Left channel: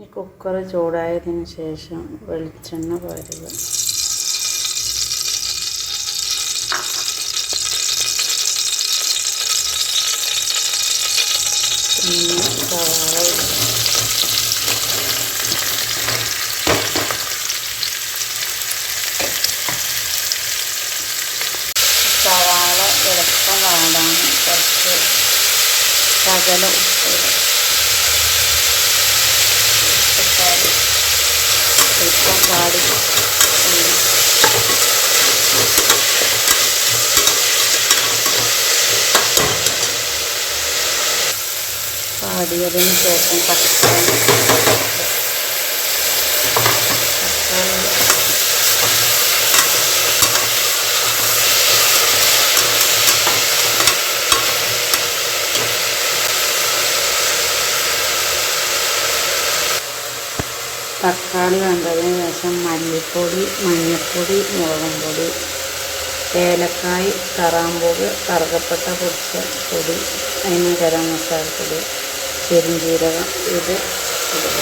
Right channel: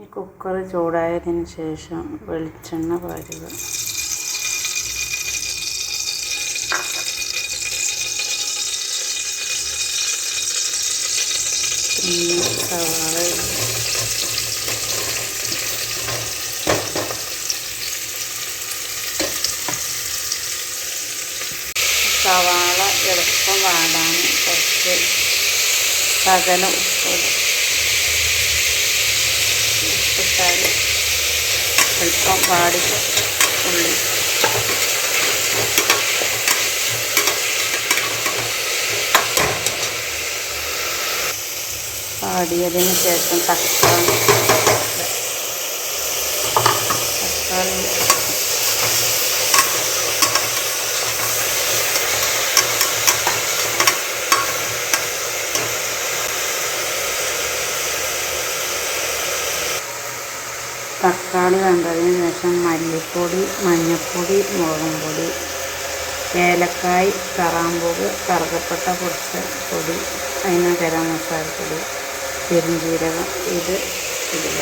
ഈ കുക്കർ ചൂടായതിന് ശേഷം വെളിച്ചെണ്ണ പാരുക. പിന്നെ സവാള എളുപ്പം വാടാൻ കുറച്ച് ശകലം ഉപ്പിട്ടാൽ എളുപ്പം വാടി വാടിയതിന് ശേഷം തക്കാളി തക്കാളി വെന്തതിന് ശേഷം മല്ലിപ്പൊടി, മഞ്ഞൾപ്പൊടി, മുളകും പൊടി, ഏലക്കായ്, കറാമ്പൂവ്, കറുകപ്പട്ട പൊടിച്ച പൊടി, അതിന് ഗരം മസാലപ്പൊടി, പെരുംജീരകം ഇത് ഇടുക.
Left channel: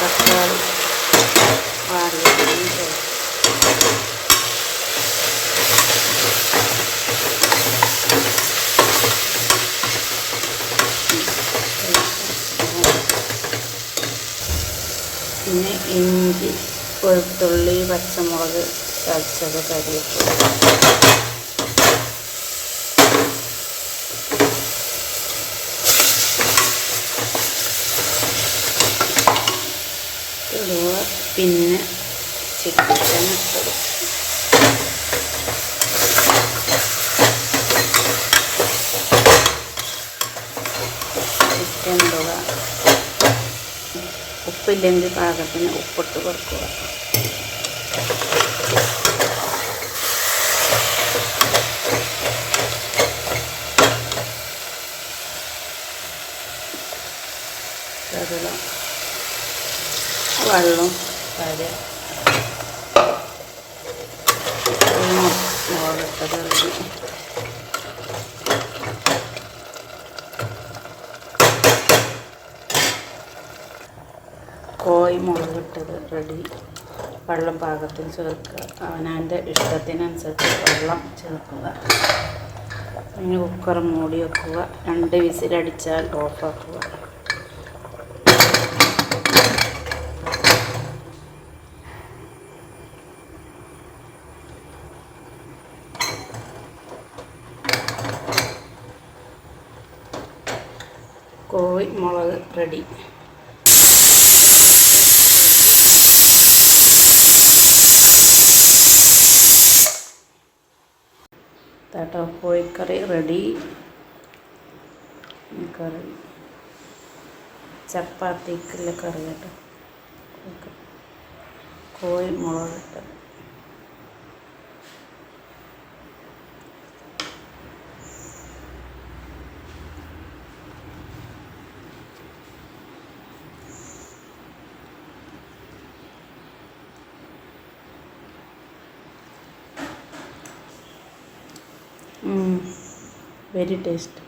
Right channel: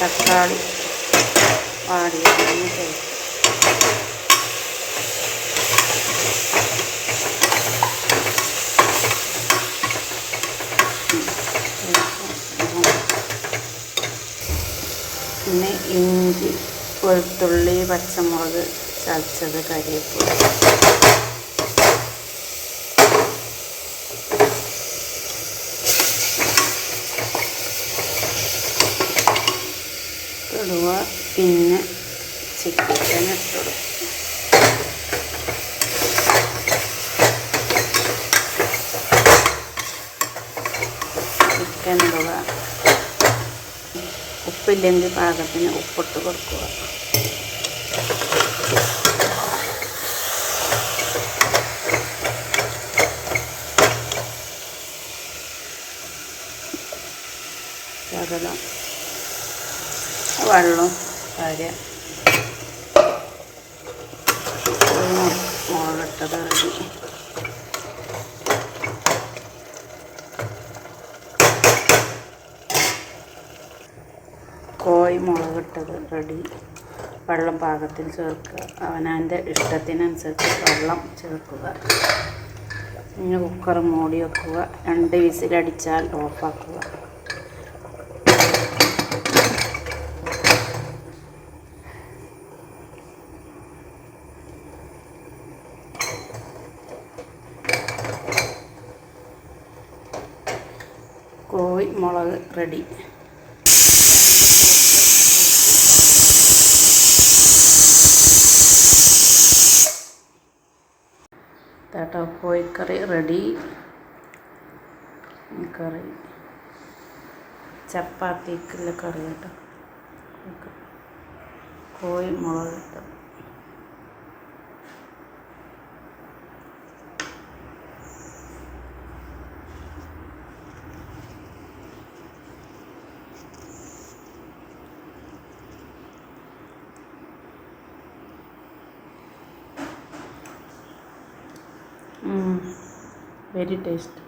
തക്കാളി വാടിയതിന് ശേഷം പിന്നെ ഇഞ്ചി, വെളുത്തുള്ളി, പച്ചമുളക് ചതച്ചത്, കരിവേപ്പില ഇടുക. പിന്നെ ചിക്കൻ ഇട്ടു. ചിക്കൻ ഇടുക. ഉപ്പില്ലെങ്കിൽ പാകത്തിന് ഉപ്പിട്ട് കൊടുക്കുക. ശകലം വെള്ളം കാര്യം മുളകിട്ടത് റെഡി. കോഴി മുളകിട്ടത് റെഡി. വെള്ളം പാകത്തിൽ ചേർക്കുക. അവനവൻ്റെ ഇഷ്ടത്തിനനുസരിച്ച് വെള്ളം ചേർക്കുക. ഇനി കുക്കർ മൂടി വെക്കുക. 2 വിസിലടിച്ചാൽ ഓഫാക്കുക. കോഴി മുളക് റെഡി. കേട്ടോ, കോഴിക്കറി റെഡി. കറി ചപ്പാത്തിക്കുള്ള കറി കേട്ടോ. കോഴി മുളക് ഇട്ടു. Very tasty.